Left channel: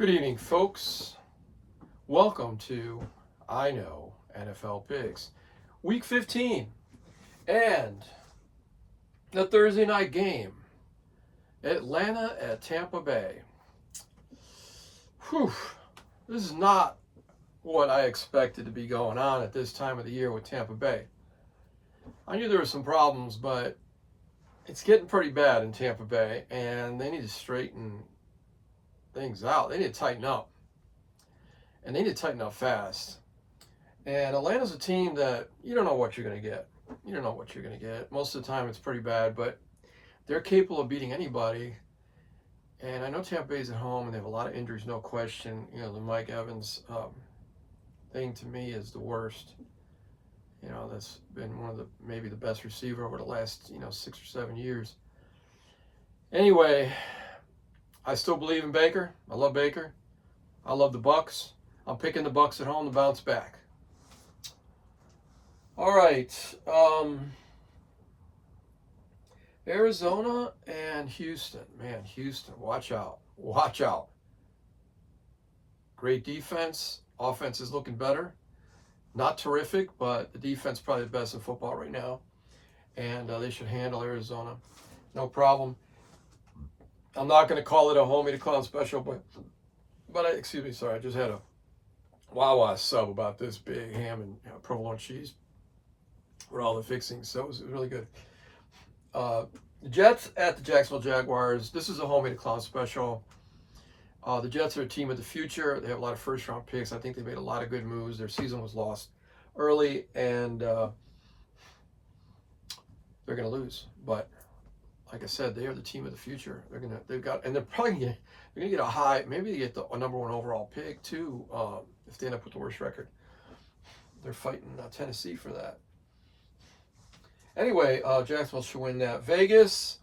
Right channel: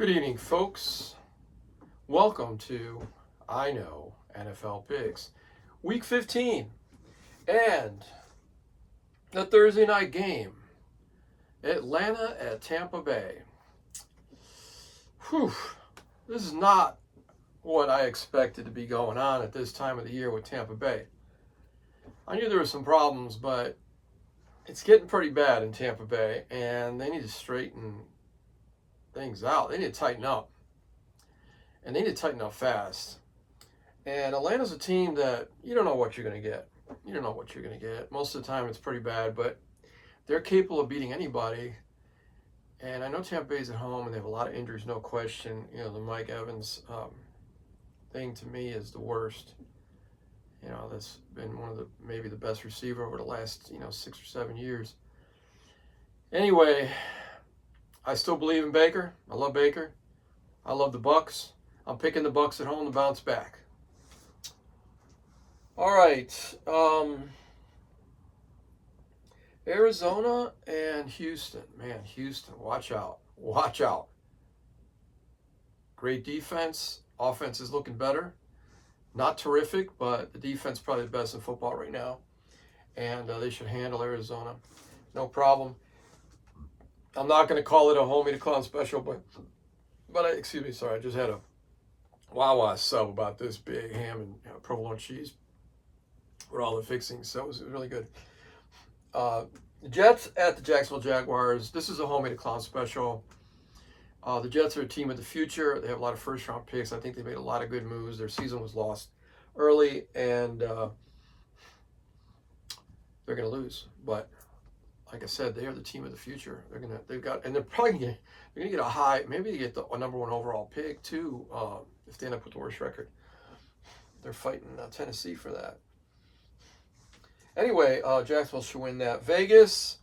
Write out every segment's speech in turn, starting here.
Good evening, folks. Welcome to I Know NFL Picks, Week 15, and the Thursday night game, Atlanta at Tampa Bay. Whew, this is not what I expected to be going on at this time of the year with Tampa Bay. I knew there were some problems, but it's getting pretty bad in Tampa Bay, and they need to straighten things out. They need to tighten up. And they need to tighten up fast. And Atlanta's a team that you don't know what you're going to get. You don't know what you're going to get. Most of the time it's pretty bad, but they're capable of beating anybody. And I know Tampa Bay's at home and they have a lot of injuries, no question. You know, the Mike Evans thing to me is the worst. You know, that's been one of the maybe the best receiver over the last, 6 or 7 years. Anyway, I still believe in Baker. I love Baker. I love the Bucks. I'm picking the Bucks at home to bounce back. All right. Arizona and Houston. Man, Houston, watch out. Watch out. Great defense. Offense is looking better. Not terrific, but the defense is probably the best in football right now. And they should handle Arizona. No problem. I'm not going to call it a homie to clown special, but I just had a Wawa sub about this big ham and provolone cheese with all the fixings, so it was really good. The Jets at the Jacksonville Jaguars. This is a homie to clown special. The Jets are a team of the future. They have a lot of first-round picks. I think they made a lot of good moves. Their season was lost early, and they're going to lose. But like I said, they are the team of the future. They're probably going to get a high. Maybe they get a number one overall pick too. If they end up with the worst record, they're fighting Tennessee for that. Anyway, Jacksonville should win that. Vegas,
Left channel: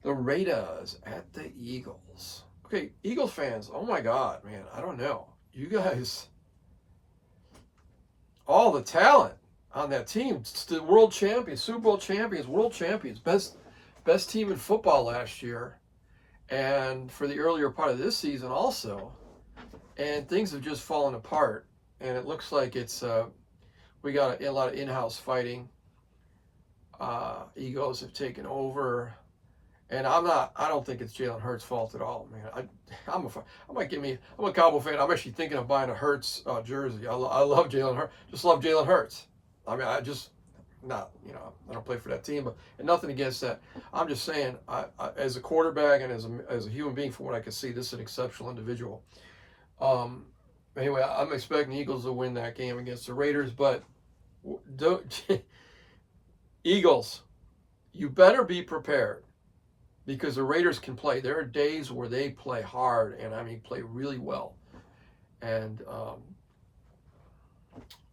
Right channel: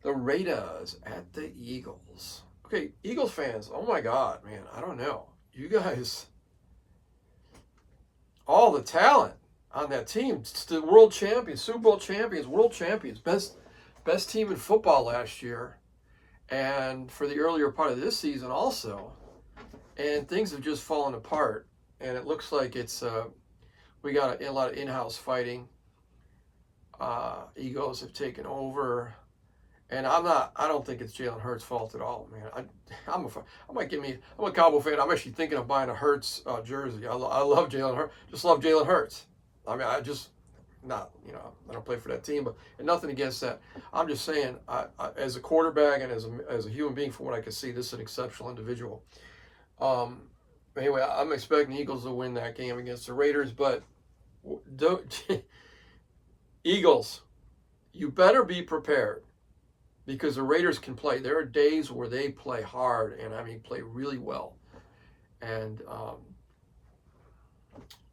the Raiders at the Eagles. Okay, Eagles fans, oh my God, man, I don't know. You guys, all the talent on that team. It's the world champions, Super Bowl champions, world champions, best team in football last year. And for the earlier part of this season also. And things have just fallen apart. And it looks like we got a lot of in-house fighting. Egos have taken over. And I don't think it's Jalen Hurts' fault at all, man. I'm a Cowboy fan. I'm actually thinking of buying a Hurts jersey. I love Jalen Hurts. Just love Jalen Hurts. I mean, I don't play for that team, but and nothing against that. I'm just saying, as a quarterback and as a human being, from what I can see, this is an exceptional individual. Anyway, I'm expecting the Eagles to win that game against the Raiders, but Eagles, you better be prepared. Because the Raiders can play. There are days where they play hard, and play really well. And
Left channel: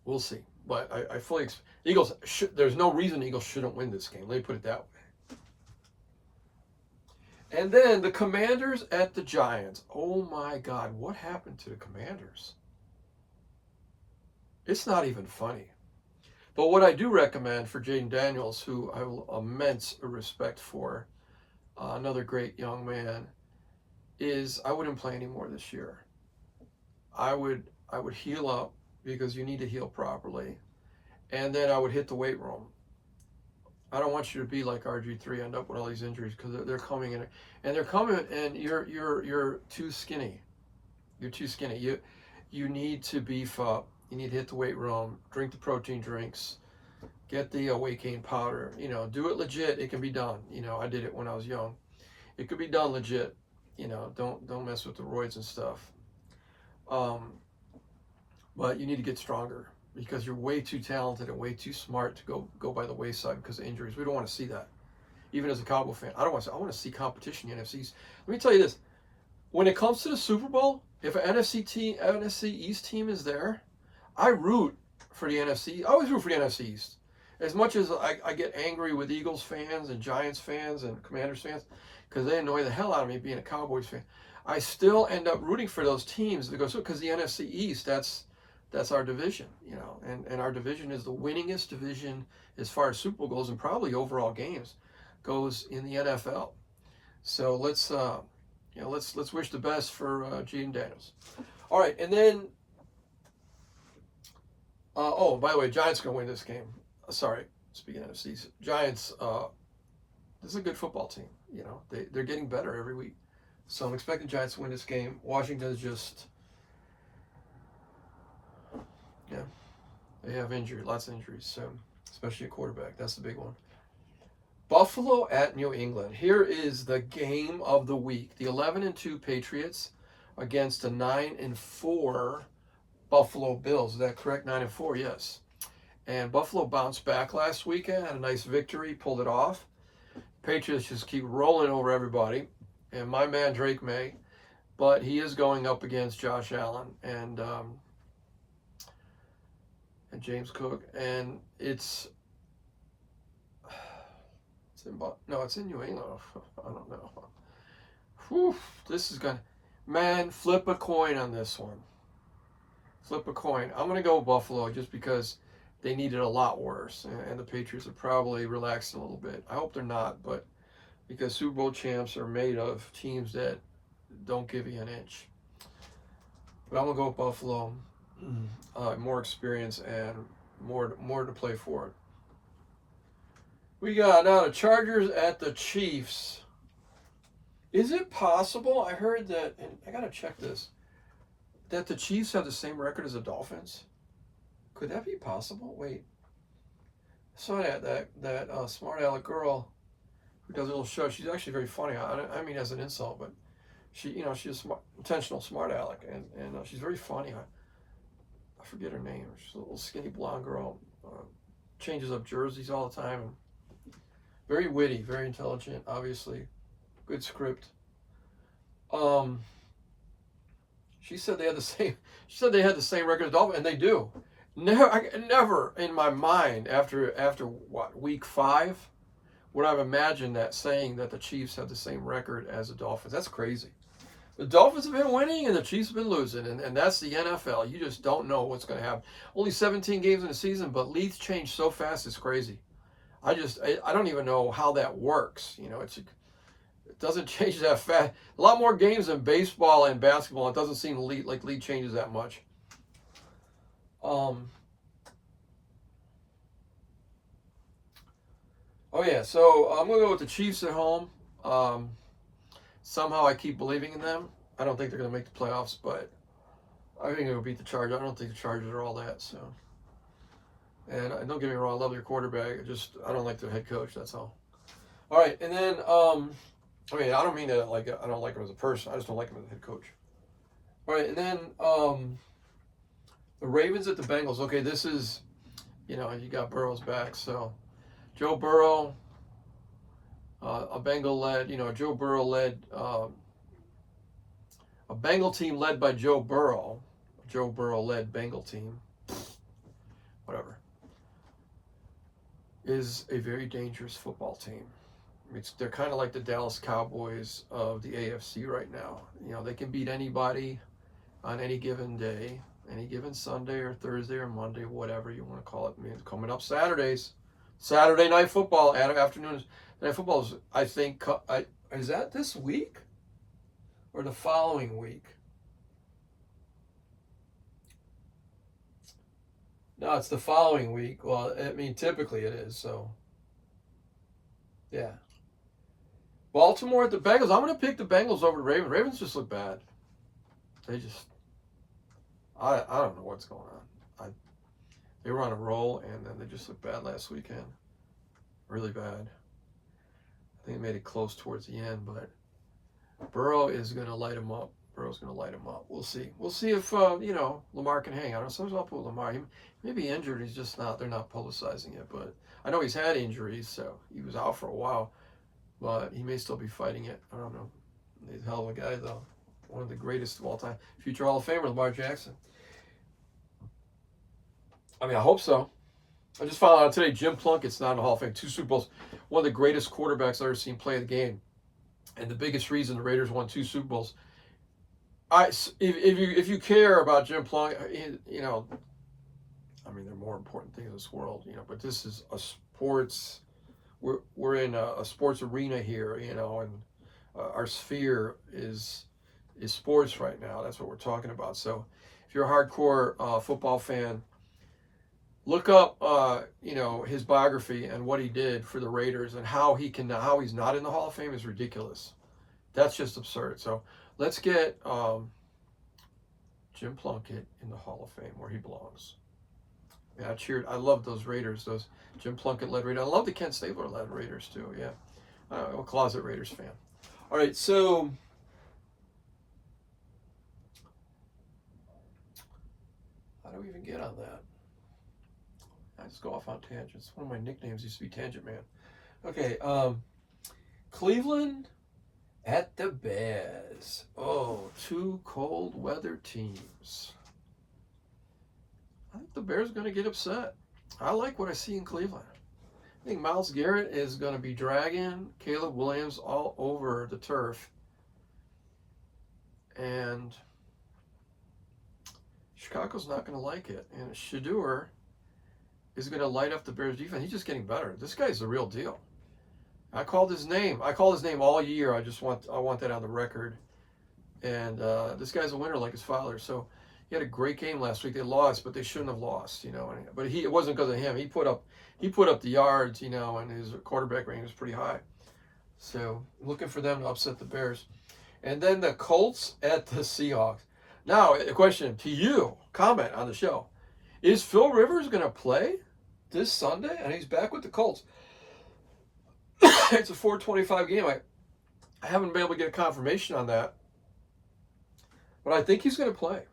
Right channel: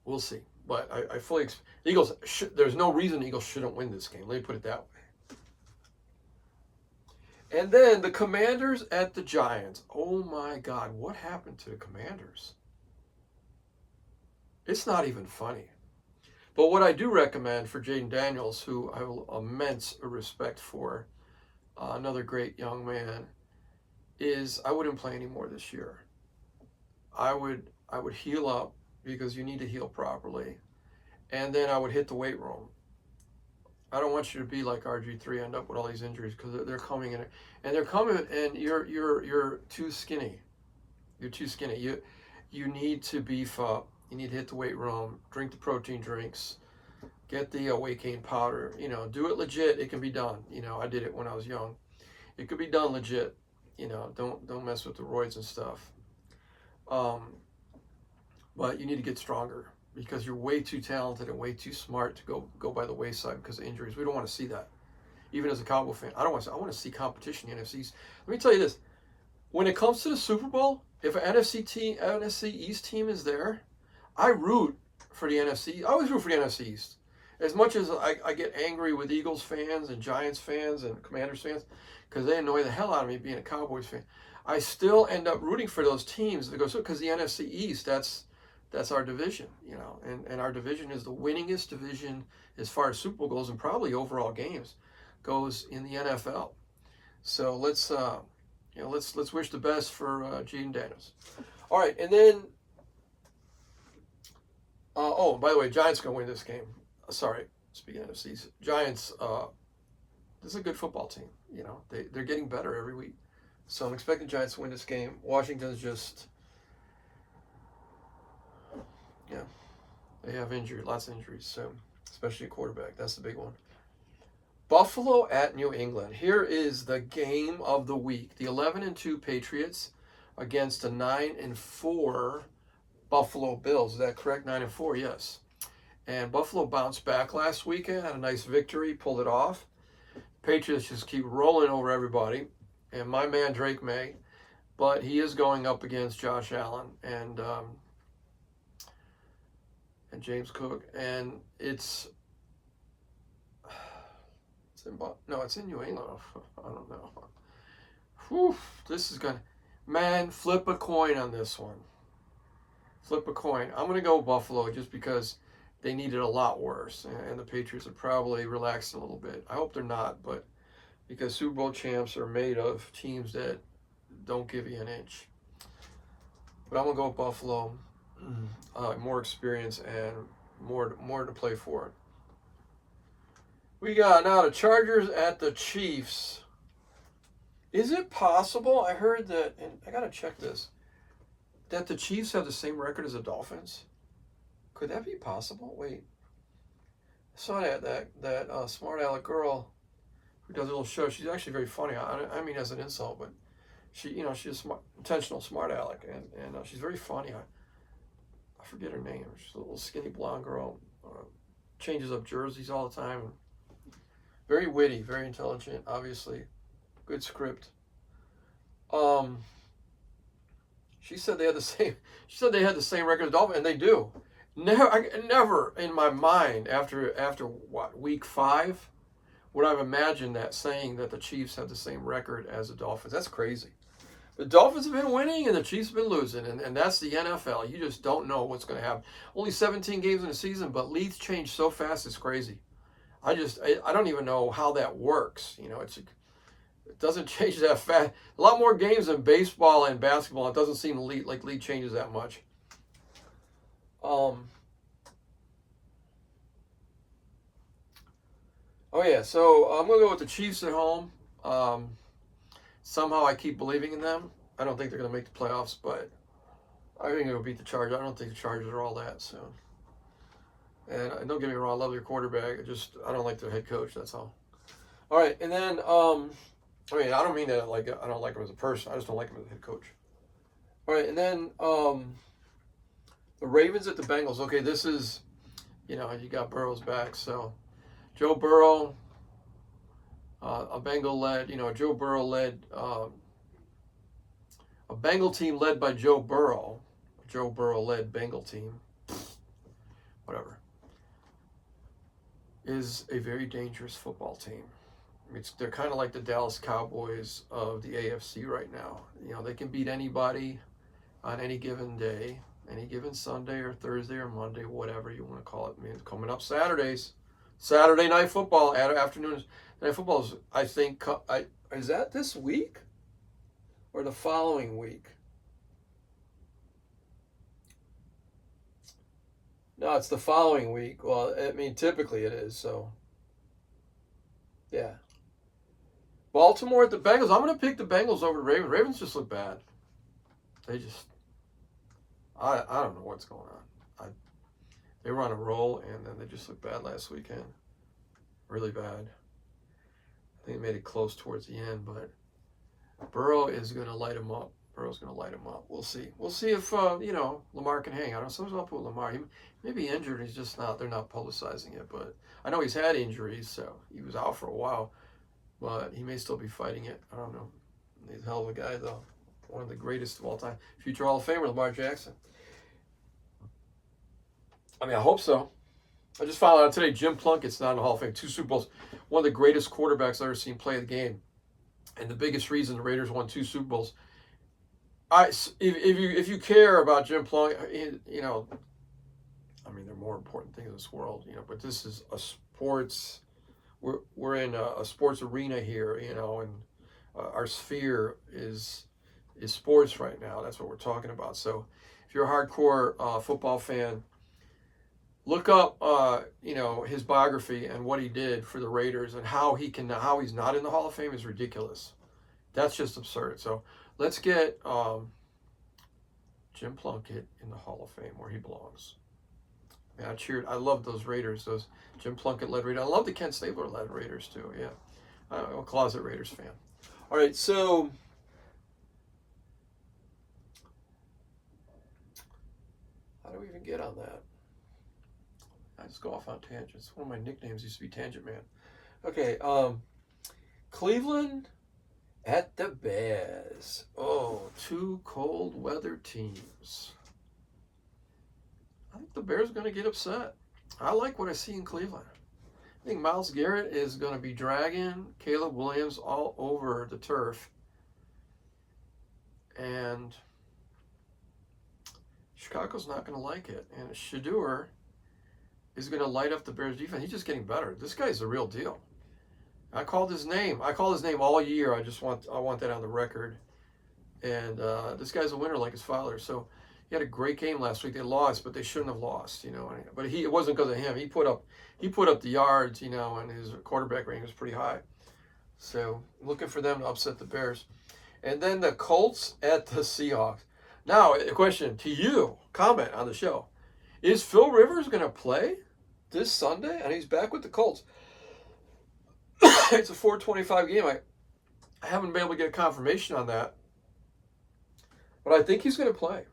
we'll see. But I fully expect Eagles. There's no reason the Eagles shouldn't win this game. Let me put it that way. And then the Commanders at the Giants. Oh my God, what happened to the Commanders? It's not even funny. But what I do recommend for Jaden Daniels, who I have immense respect for, another great young man, is I wouldn't play anymore this year. I would heal up, because you need to heal properly, and then I would hit the weight room. I don't want you to be like RG3, end up with all these injuries, because they're coming in, and they're coming, and you're too skinny. You're too skinny. You need to beef up. You need to hit the weight room. Drink the protein drinks. Get the weight gain powder. Do it legit. It can be done. I did it when I was young. It could be done legit. Don't mess with the roids and stuff. But you need to get stronger, because you're way too talented and way too smart to go by the wayside because of injuries. We don't want to see that. Even as a Cowboy fan, I want to see competition in the NFCs. Let me tell you this: when it comes to the Super Bowl, if an NFC East team is there, I root for the NFC. I always root for the NFC East. As much as I get angry with Eagles fans and Giants fans and Commanders fans, because they annoy the hell out of me being a Cowboys fan, I still end up rooting for those teams because the NFC East, that's our division, and our division is the winningest division as far as Super Bowl goes, and probably overall games goes in the NFL. So let's let's wish the best for Gene Daniels. All right, and then by the way, Giants gonna win this game. Sorry, speaking of NFC, Giants. This is a good football team. They're getting better every week, so I'm expecting Giants to win this game. Washington's just, they have lots of injuries, so especially a quarterback. That's the big one. Buffalo at New England. Here is the game of the week. The 11-2 Patriots against the 9-4 Buffalo Bills. Is that correct? 9-4, yes. And Buffalo bounced back last weekend, had a nice victory, pulled it off. Patriots just keep rolling over everybody. And my man Drake May, but he is going up against Josh Allen and James Cook. And it's in New England. I don't know. Whew, this is going to... Man, flip a coin on this one. Flip a coin. I'm going to go Buffalo just because they need it a lot worse. And the Patriots are probably relaxed a little bit. I hope they're not, but because Super Bowl champs are made of teams that don't give you an inch. But I'm going to go with Buffalo. More experience and more to play for it. We got now the Chargers at the Chiefs. Is it possible? I heard that, and I got to check this, that the Chiefs have the same record as the Dolphins. Could that be possible? Wait. I saw that smart aleck girl who does a little show. She's actually very funny. I mean, as an insult, but she's a intentional smart aleck, and she's very funny. I forget her name. She's a little skinny blonde girl. Changes up jerseys all the time. And very witty, very intelligent, obviously. Good script. She said they had the same. She said they had the same record as Dolphins, and they do. Never in my mind after what, week 5 would I've imagined that saying that the Chiefs have the same record as the Dolphins. That's crazy. The Dolphins have been winning and the Chiefs have been losing, and that's the NFL. You just don't know what's going to happen. Only 17 games in the season, but leagues change so fast, it's crazy. I don't even know how that works. It doesn't change that fast. A lot more games in baseball and basketball. It doesn't seem like league changes that much. So I'm going to go with the Chiefs at home. Somehow I keep believing in them. I don't think they're going to make the playoffs, but I think they'll beat the Chargers. I don't think the Chargers are all that. So, and don't get me wrong, I love their quarterback. I don't like their head coach. That's all. All right, and then I don't mean that I don't like him as a person. I just don't like him as a head coach. All right, and then the Ravens at the Bengals. Okay, this is, you got Burrow's back, so Joe Burrow. A Bengal led, Joe Burrow led a Bengal team led by Joe Burrow. Joe Burrow led Bengal team, whatever, is a very dangerous football team. They're kind of like the Dallas Cowboys of the AFC right now. They can beat anybody on any given day, any given Sunday or Thursday or Monday, whatever you want to call it. It's coming up Saturdays, Saturday night football, afternoons. Night football is, I think, is that this week or the following week? No, it's the following week. Well, typically it is, so yeah. Baltimore at the Bengals. I'm going to pick the Bengals over the Ravens. Ravens just look bad. They just, I don't know what's going on. They were on a roll, and then they just looked bad last weekend. Really bad. I think they made it close towards the end, but Burrow is going to light him up. Burrow's going to light him up. We'll see. We'll see if, Lamar can hang. I don't know. Sometimes I'll put Lamar. He may be injured. He's just not. They're not publicizing it, but I know he's had injuries, so he was out for a while, but he may still be fighting it. I don't know. He's a hell of a guy, though. One of the greatest of all time. Future Hall of Famer, Lamar Jackson. I hope so. I just found out today Jim Plunkett's not in the Hall of Fame. 2 Super Bowls. One of the greatest quarterbacks I've ever seen play the game. And the biggest reason the Raiders won 2 Super Bowls. If you care about Jim Plunkett, there are more important things in this world, but this is a sports, we're in a sports arena here, and our sphere is sports right now. That's what we're talking about. So if you're a hardcore football fan, look up his biography and what he did for the Raiders, and how he's not in the Hall of Fame is ridiculous. That's just absurd. So let's get Jim Plunkett in the Hall of Fame where he belongs. Yeah, I love those Raiders, those Jim Plunkett led Raiders. I love the Kent Stabler led Raiders too. Yeah, I'm a closet Raiders fan. All right, so how do we even get on that? I just go off on tangents. One of my nicknames used to be Tangent Man. Okay, Cleveland at the Bears. Oh, two cold weather teams. I think the Bears are going to get upset. I like what I see in Cleveland. I think Myles Garrett is going to be dragging Caleb Williams all over the turf. And Chicago's not going to like it. And Shedeur is going to light up the Bears defense. He's just getting better. This guy's the real deal. I called his name all year. I want that on the record. And this guy's a winner like his father. So he had a great game last week. They lost, but they shouldn't have lost, But it wasn't because of him. He put up the yards, and his quarterback rating was pretty high. So looking for them to upset the Bears. And then the Colts at the Seahawks. Now, a question to you. Comment on the show. Is Phil Rivers going to play this Sunday? And he's back with the Colts. It's a 4:25 game. I haven't been able to get confirmation on that. But I think he's going to play.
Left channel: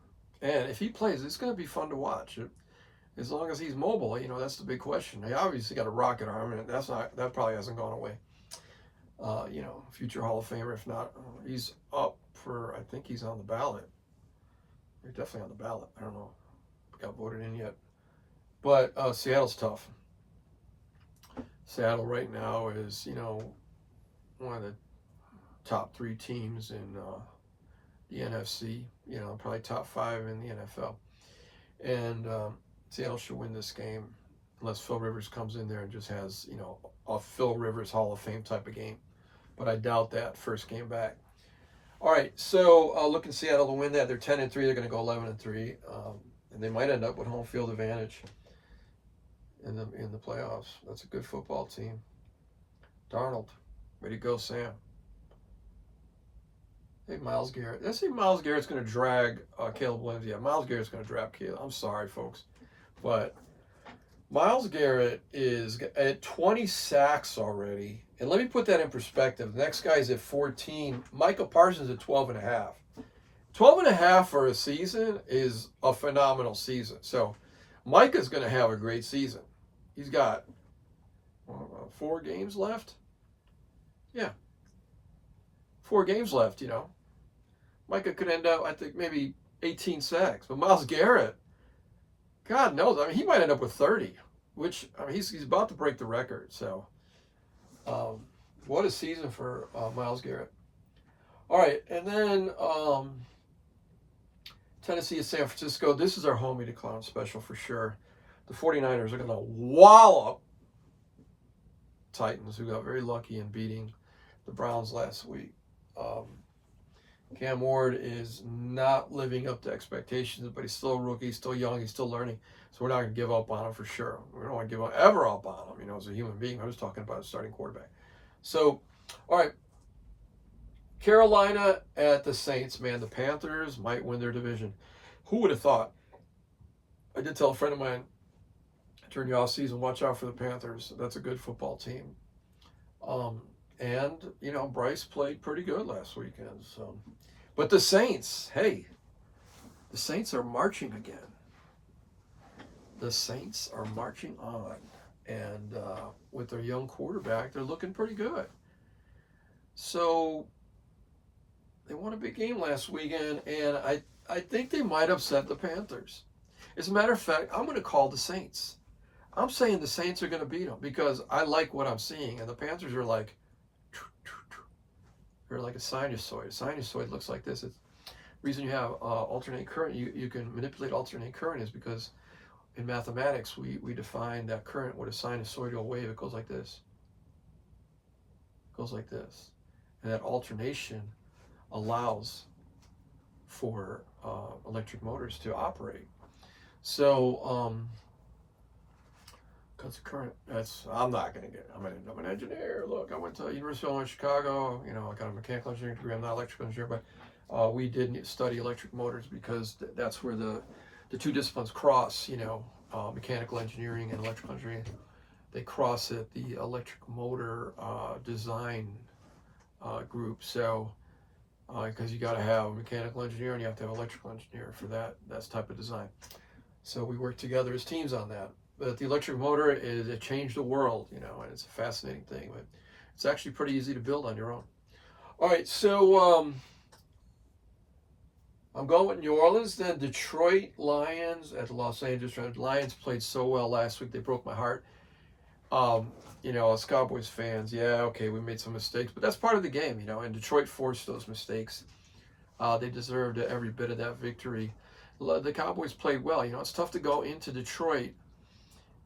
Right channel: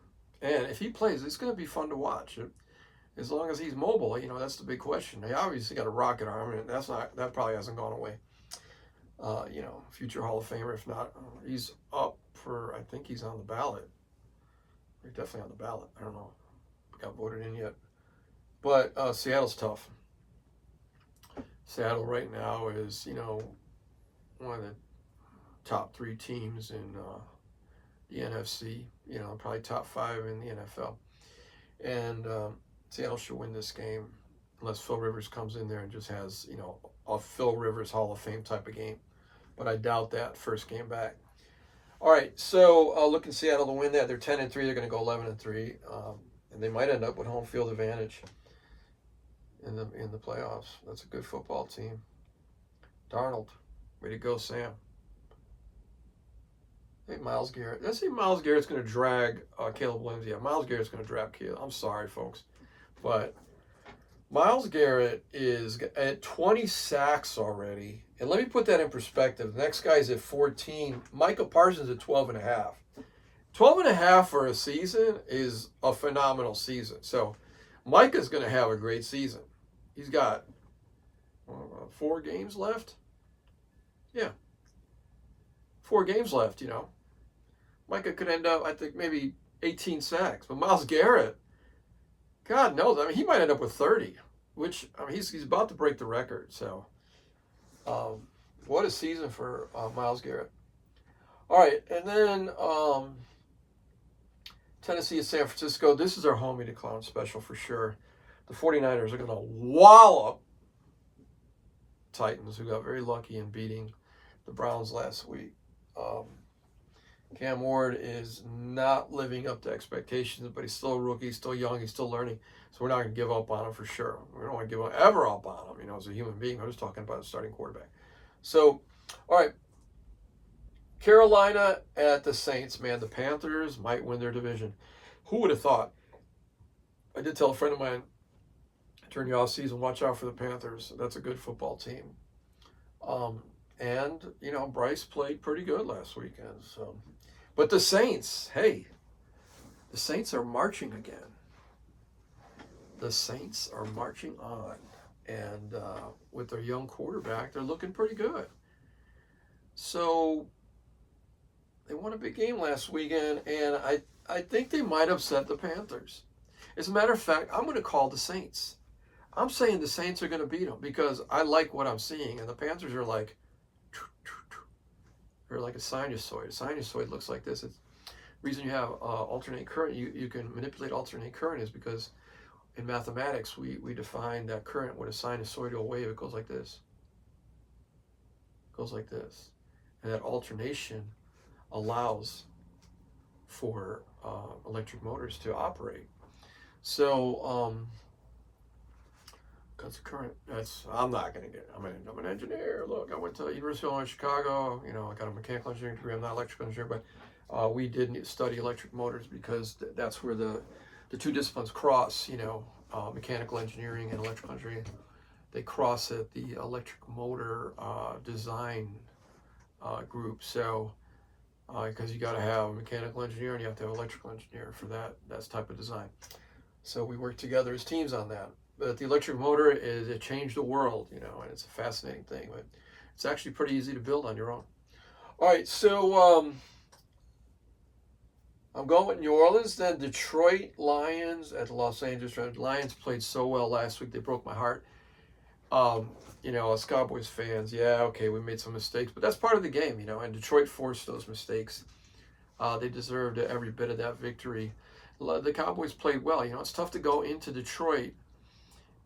And if he plays, it's going to be fun to watch. As long as he's mobile, that's the big question. He obviously got a rocket arm, and that probably hasn't gone away. Future Hall of Famer, if not. He's up for, I think he's on the ballot. He's definitely on the ballot. I don't know if he got voted in yet. But Seattle's tough. Seattle right now is, one of the top 3 teams in the NFC, probably top 5 in the NFL. And Seattle should win this game unless Phil Rivers comes in there and just has, a Phil Rivers Hall of Fame type of game. But I doubt that first game back. All right, so looking Seattle to win that. They're 10-3. They're going to go 11-3. And they might end up with home field advantage in the playoffs. That's a good football team. Darnold, way to go, Sam. I think Myles Garrett. Let's see, Myles Garrett's going to drag Caleb Williams. Yeah, Myles Garrett's going to drag Caleb. I'm sorry, folks, but Myles Garrett is at 20 sacks already. And let me put that in perspective. The next guy's at 14. Micah Parsons at 12.5. 12.5 for a season is a phenomenal season. So Micah's going to have a great season. He's got 4 games left. Yeah. 4 games left, Micah could end up, I think, maybe 18 sacks. But Myles Garrett, God knows. I mean, he might end up with 30, which, he's about to break the record. So, what a season for Myles Garrett. All right, and then Tennessee at San Francisco. This is our homie to clown special for sure. The 49ers are going to wallop Titans, who got very lucky in beating the Browns last week. Cam Ward is not living up to expectations, but he's still a rookie, he's still young, he's still learning. So we're not going to give up on him for sure. We don't want to give up ever up on him, as a human being. I'm just talking about a starting quarterback. So, all right. Carolina at the Saints, man. The Panthers might win their division. Who would have thought? I did tell a friend of mine during the offseason, watch out for the Panthers. That's a good football team. And, Bryce played pretty good last weekend. So, but the Saints, hey, the Saints are marching again. The Saints are marching on. And with their young quarterback, they're looking pretty good. So they won a big game last weekend, and I think they might upset the Panthers. As a matter of fact, I'm going to call the Saints. I'm saying the Saints are going to beat them because I like what I'm seeing. And the Panthers are like, they're like a sinusoid. A sinusoid looks like this. It's the reason you have alternate current. You can manipulate alternate current is because in mathematics we define that current with a sinusoidal wave. It goes like this. It goes like this. And that alternation allows for electric motors to operate. So, because current, I'm not going to get, I'm an engineer. Look, I went to University of Illinois Chicago, I got a mechanical engineering degree. I'm not an electrical engineer, but we did study electric motors because that's where the two disciplines cross, mechanical engineering and electrical engineering. They cross at the electric motor design group. So, because you got to have a mechanical engineer and you have to have an electrical engineer for that type of design. So we work together as teams on that. But the electric motor it changed the world, and it's a fascinating thing. But it's actually pretty easy to build on your own. All right, so I'm going with New Orleans, then Detroit Lions at the Los Angeles Rams. Lions played so well last week; they broke my heart. As Cowboys fans, we made some mistakes, but that's part of the game, and Detroit forced those mistakes. They deserved every bit of that victory. The Cowboys played well. It's tough to go into Detroit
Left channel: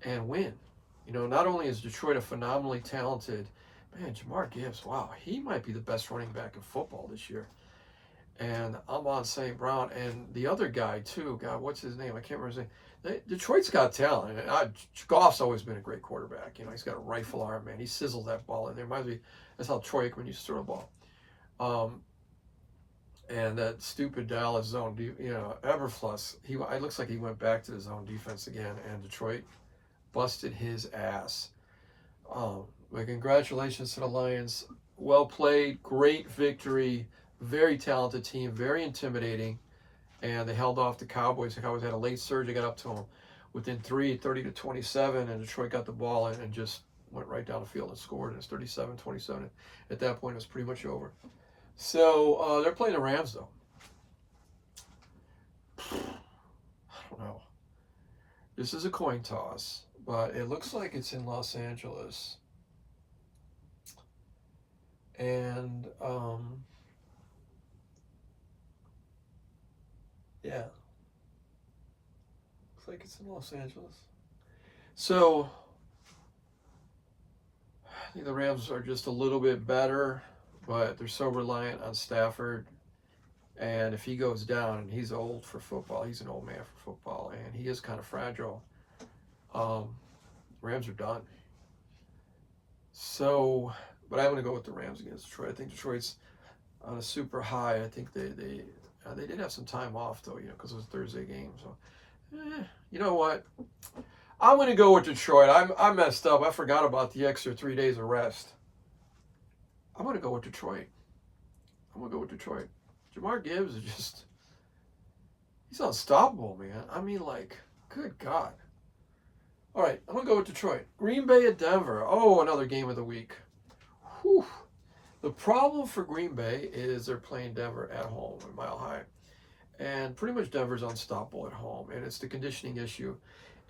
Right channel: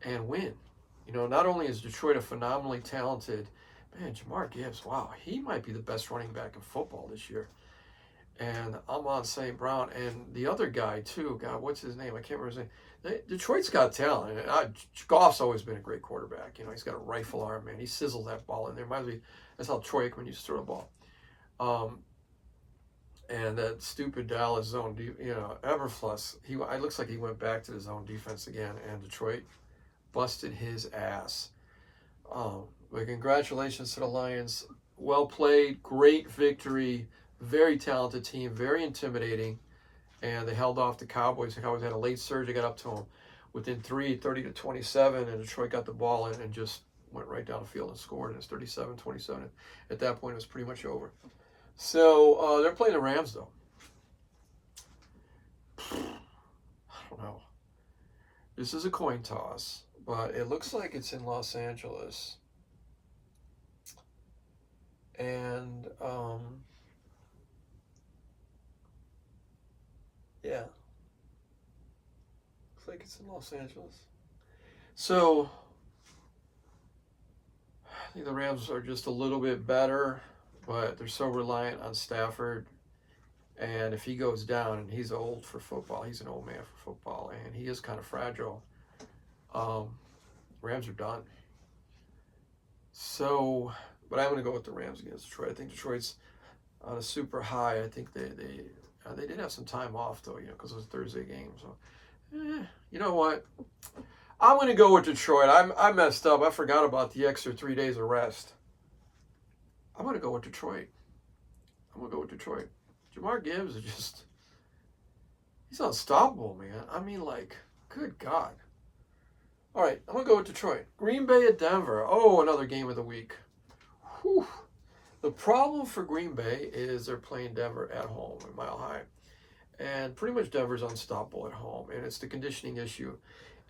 and win. Not only is Detroit a phenomenally talented, Jamar Gibbs, wow, he might be the best running back in football this year. And Amon St. Brown and the other guy too, God, what's his name? I can't remember his name. Detroit's got talent. And Goff's always been a great quarterback. He's got a rifle arm, man. He sizzles that ball in there. That's how Troy Aikman used to throw a ball. And that stupid Dallas zone, Everfluss, it looks like he went back to the zone defense again, and Detroit busted his ass. But congratulations to the Lions. Well played, great victory, very talented team, very intimidating. And they held off the Cowboys. The Cowboys had a late surge. They got up to them within 30-27, and Detroit got the ball and just went right down the field and scored. And it's 37-27. At that point, it was pretty much over. So they're playing the Rams, though. I don't know. This is a coin toss, but it looks like it's in Los Angeles. And yeah, looks like it's in Los Angeles. So I think the Rams are just a little bit better, but they're so reliant on Stafford. And if he goes down, and he's old for football, he's an old man for football, and he is kind of fragile, Rams are done. So, but I'm going to go with the Rams against Detroit. I think Detroit's on a super high. I think they did have some time off, though, because it was a Thursday game. So, you know what? I'm going to go with Detroit. I messed up. I forgot about the extra 3 days of rest. I'm going to go with Detroit. Jamar Gibbs is he's unstoppable, man. I mean, good God. All right, I'm going to go with Detroit. Green Bay at Denver. Oh, another game of the week. Whew. The problem for Green Bay is they're playing Denver at home at Mile High. And pretty much Denver's unstoppable at home, and it's the conditioning issue.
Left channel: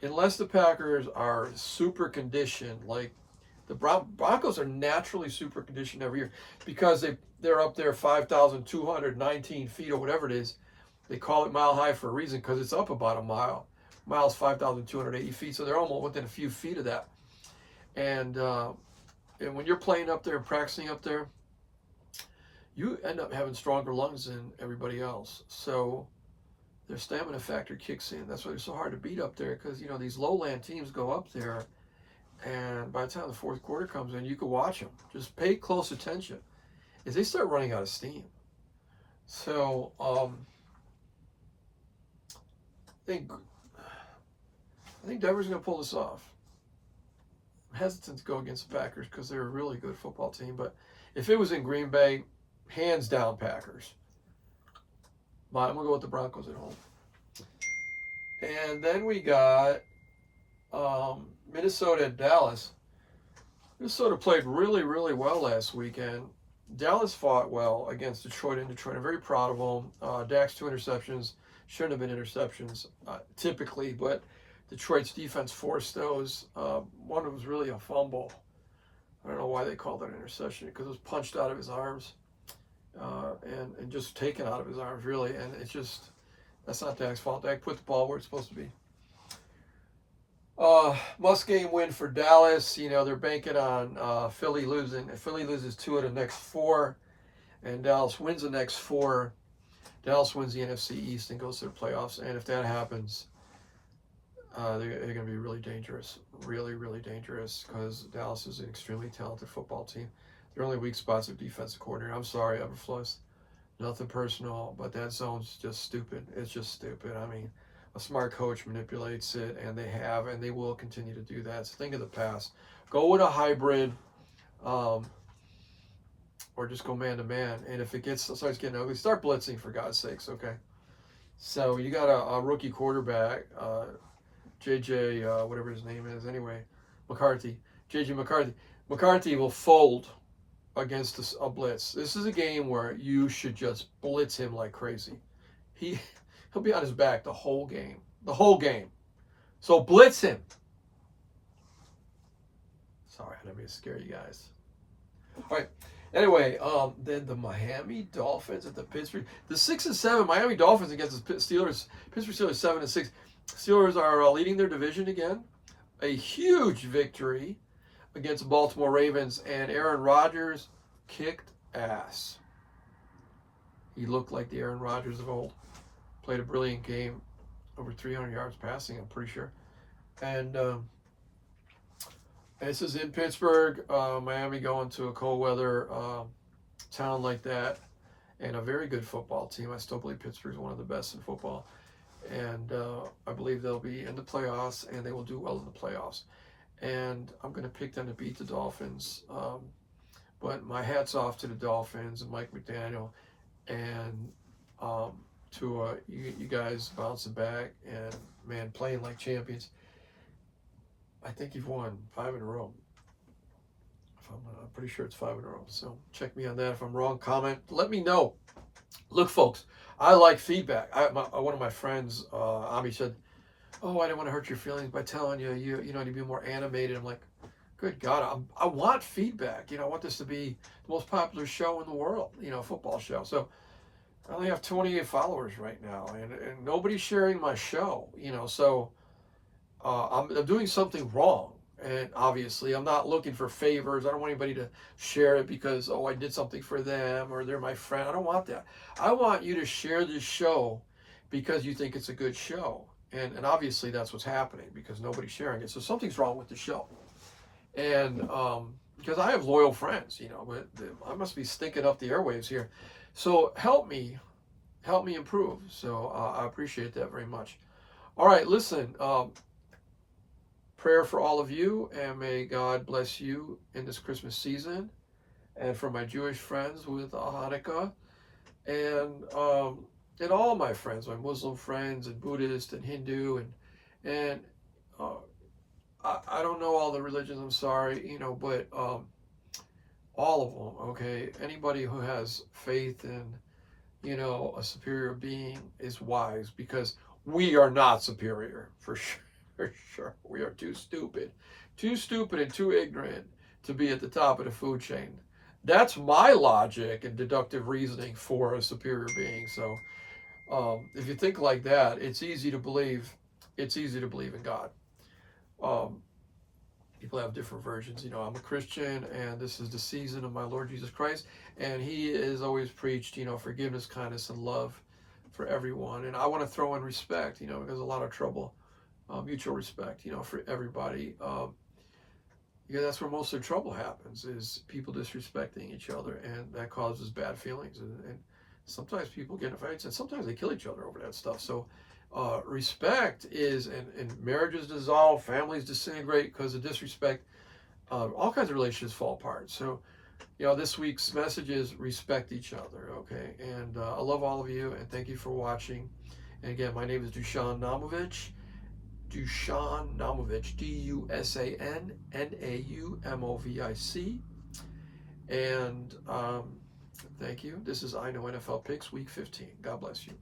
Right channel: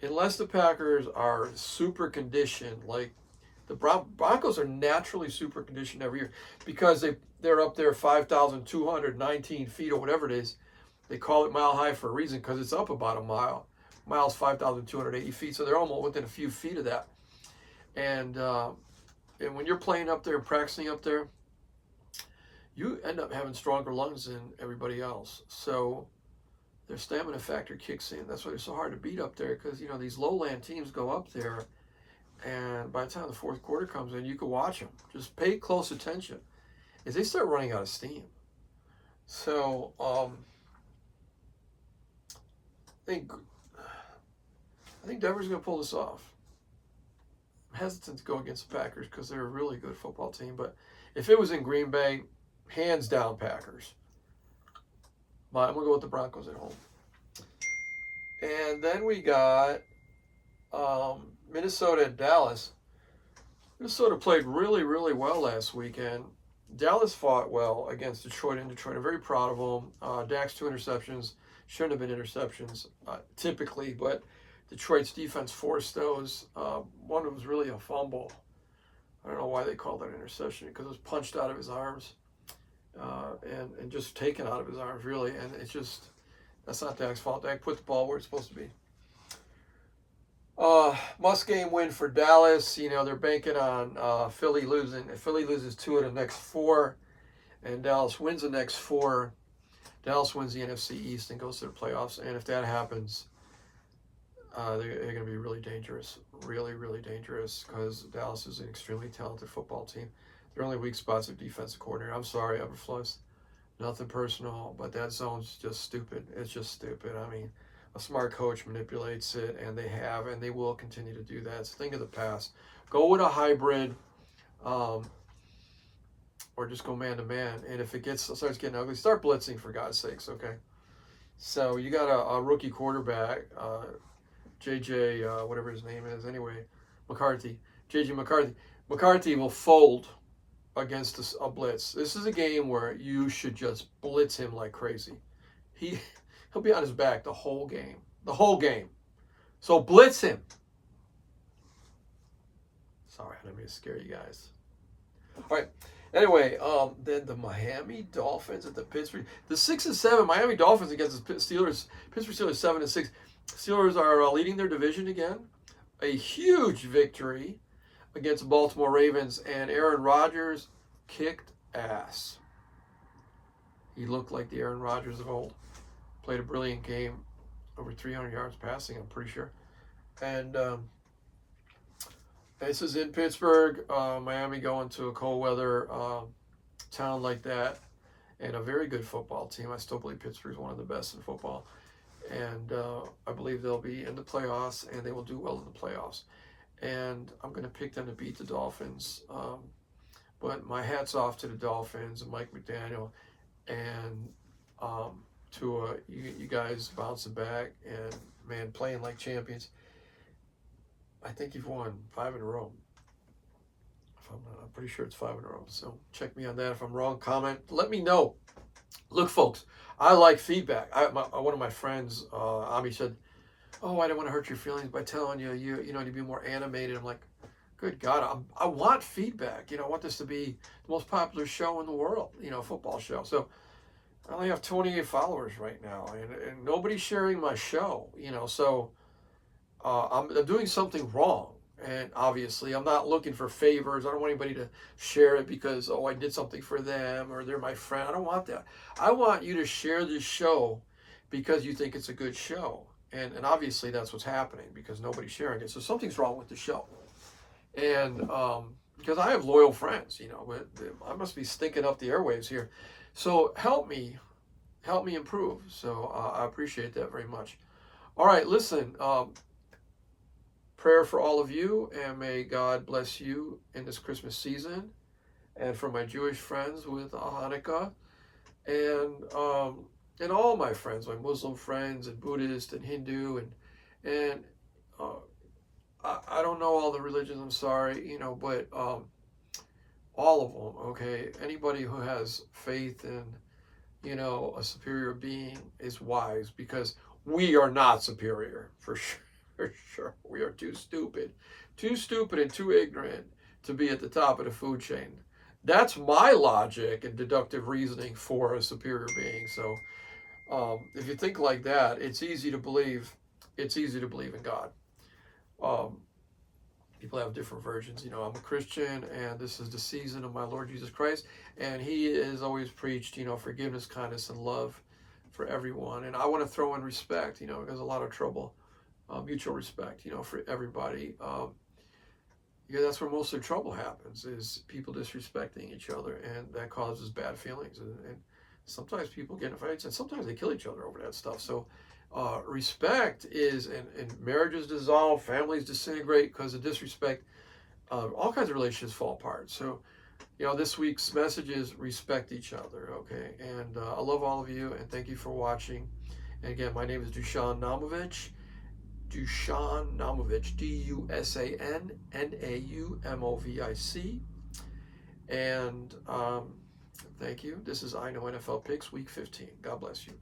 Unless the Packers are super conditioned, like the Broncos are naturally super conditioned every year because they're up there 5,219 feet or whatever it is. They call it Mile High for a reason because it's up about a mile. Mile's 5,280 feet, so they're almost within a few feet of that. And when you're playing up there and practicing up there, you end up having stronger lungs than everybody else. So their stamina factor kicks in. That's why it's so hard to beat up there because, these lowland teams go up there, and by the time the fourth quarter comes in, you can watch them. Just pay close attention. If they start running out of steam. So, I think Denver's going to pull this off. I'm hesitant to go against the Packers because they're a really good football team. But if it was in Green Bay, hands down Packers. But I'm going to go with the Broncos at home. And then we got Minnesota at Dallas. Minnesota played really, really well last weekend. Dallas fought well against Detroit in Detroit. I'm very proud of them. Dak's 2 interceptions. Shouldn't have been interceptions typically, but Detroit's defense forced those. One was really a fumble. I don't know why they called it an interception because it was punched out of his arms and just taken out of his arms, really. And it's just, that's not Dak's fault. Dak put the ball where it's supposed to be. Must-game win for Dallas. They're banking on Philly losing. If Philly loses 2 of the next 4, and Dallas wins the next 4, Dallas wins the NFC East and goes to the playoffs. And if that happens, they're going to be really dangerous, really, really dangerous, because Dallas is an extremely talented football team. Their only weak spots are defensive coordinator. I'm sorry, Eberflus. Nothing personal, but that zone's just stupid. It's just stupid. I mean, a smart coach manipulates it, and they have, and they will continue to do that. It's a thing of the past. Go with a hybrid, or just go man-to-man. And if it starts getting ugly, start blitzing, for God's sakes, okay? So you got a rookie quarterback, JJ, whatever his name is, anyway, McCarthy. JJ McCarthy. McCarthy will fold against a blitz. This is a game where you should just blitz him like crazy. He'll be on his back the whole game. The whole game. So blitz him. Sorry, I didn't mean to scare you guys. All right. Anyway, then the Miami Dolphins at the Pittsburgh. The 6-7 Miami Dolphins against the Steelers. Pittsburgh Steelers 7-6. Steelers are leading their division again. A huge victory against the Baltimore Ravens, and Aaron Rodgers kicked ass. He looked like the Aaron Rodgers of old. Played a brilliant game, over 300 yards passing, I'm pretty sure. And this is in Pittsburgh. Miami going to a cold weather town like that, and a very good football team. I still believe Pittsburgh is one of the best in football. And I believe they'll be in the playoffs, and they will do well in the playoffs. And I'm going to pick them to beat the Dolphins. But my hat's off to the Dolphins and Mike McDaniel, and to you guys bouncing back and, man, playing like champions. I think you've won 5 in a row. I'm pretty sure it's 5 in a row. So check me on that. If I'm wrong, comment. Let me know. Look, folks, I like feedback. One of my friends, Ami, said, "Oh, I didn't want to hurt your feelings by telling you to be more animated." I'm like, good God, I want feedback. I want this to be the most popular show in the world, football show. So I only have 28 followers right now, and nobody's sharing my show, so I'm doing something wrong. And obviously, I'm not looking for favors. I don't want anybody to share it because, I did something for them or they're my friend. I don't want that. I want you to share this show because you think it's a good show. And obviously, that's what's happening because nobody's sharing it. So something's wrong with the show. And because I have loyal friends, but I must be stinking up the airwaves here. So help me improve. So I appreciate that very much. All right, listen. Prayer for all of you, and may God bless you in this Christmas season, and for my Jewish friends with Hanukkah, and all my friends, my Muslim friends, and Buddhist, and Hindu, and I don't know all the religions. I'm sorry, but all of them. Okay, anybody who has faith in a superior being is wise, because we are not superior, for sure. For sure. We are too stupid and too ignorant to be at the top of the food chain. That's my logic and deductive reasoning for a superior being. So if you think like that, it's easy to believe in God. People have different versions. I'm a Christian, and this is the season of my Lord Jesus Christ, and he has always preached, forgiveness, kindness, and love for everyone. And I want to throw in respect, there's a lot of trouble. Mutual respect, for everybody. That's where most of the trouble happens, is people disrespecting each other, and that causes bad feelings. And sometimes people get in fights, and sometimes they kill each other over that stuff. So respect is, and marriages dissolve, families disintegrate because of disrespect. All kinds of relationships fall apart. So, this week's message is respect each other, okay? And I love all of you, and thank you for watching. And again, my name is Dusan Naumovic. Dusan Naumovic, DUSAN Naumovic. And thank you. This is I Know NFL Picks, Week 15. God bless you.